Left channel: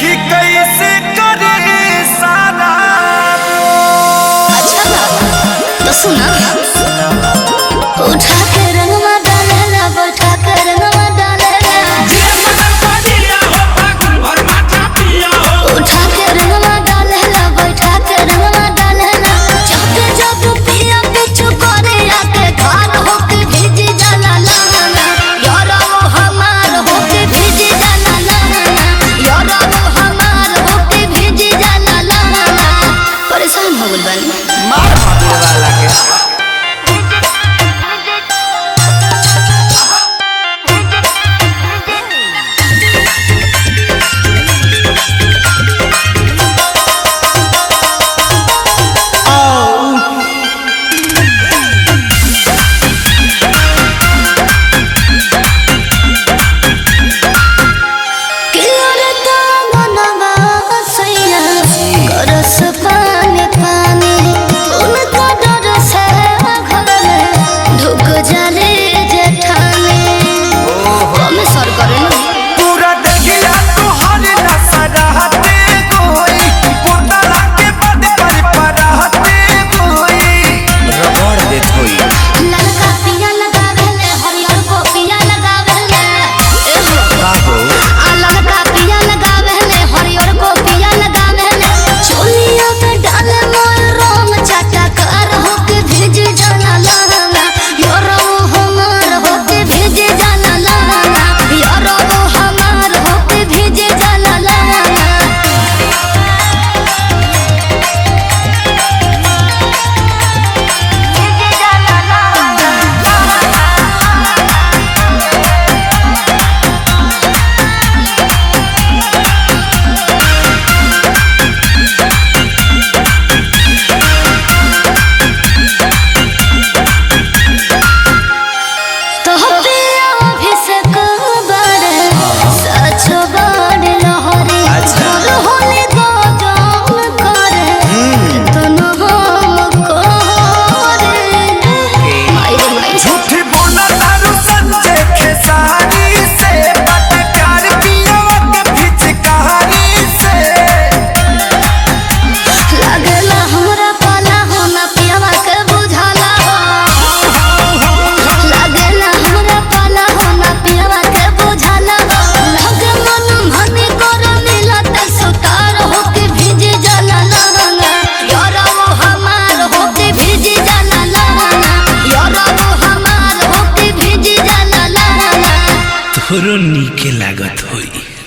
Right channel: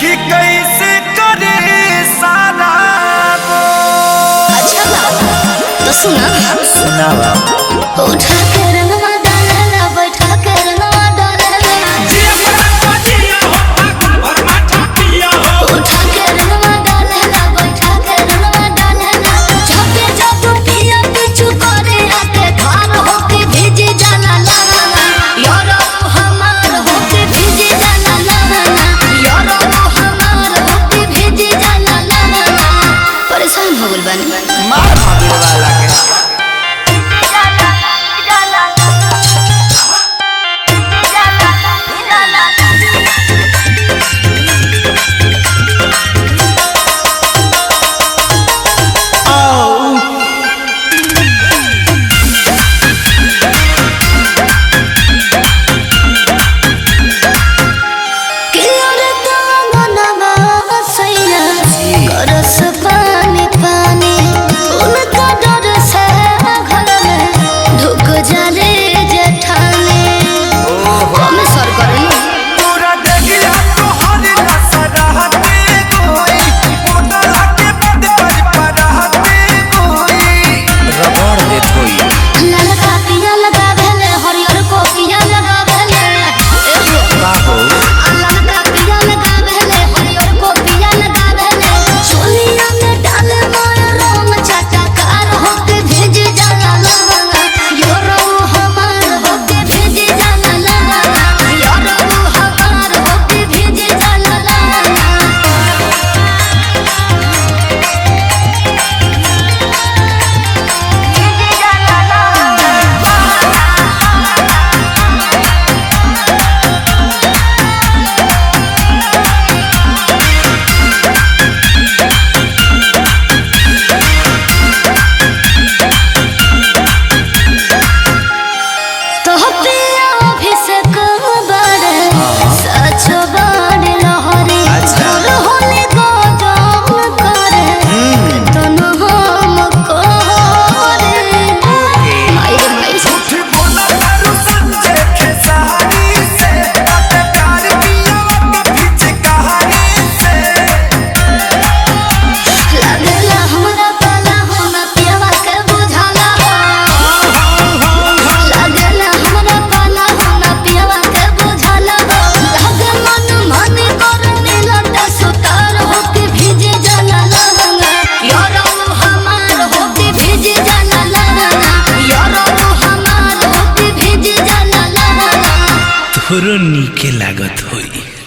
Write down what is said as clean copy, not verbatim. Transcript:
कि कैसे करे सारा अच्छा बाबा तो सुना उठा के रंगवा डालेला बैठा के रंगवा डालेला उठा के रंगवा डालेला बैठा के रंगवा डालेला जब जब पिया पिछु करे आके घर होके भीजी जाला लहंगा यार वो हमार होके भीजी जाला लहंगा यार वो हमार होके भीजी जाला लहंगा परेशान हो गइल बानी मार भाभी वाला के रस पानी पानी उनका डर से घर में ढुक जाले जेठाने कमे सर करे नी पूरा देखिया तो हर नसराते कोई बोतला के बद पर रहते कोई रगड़ देत होई ललका पिया लगा भेले हरियर को पिया लगा भेले एहो का हो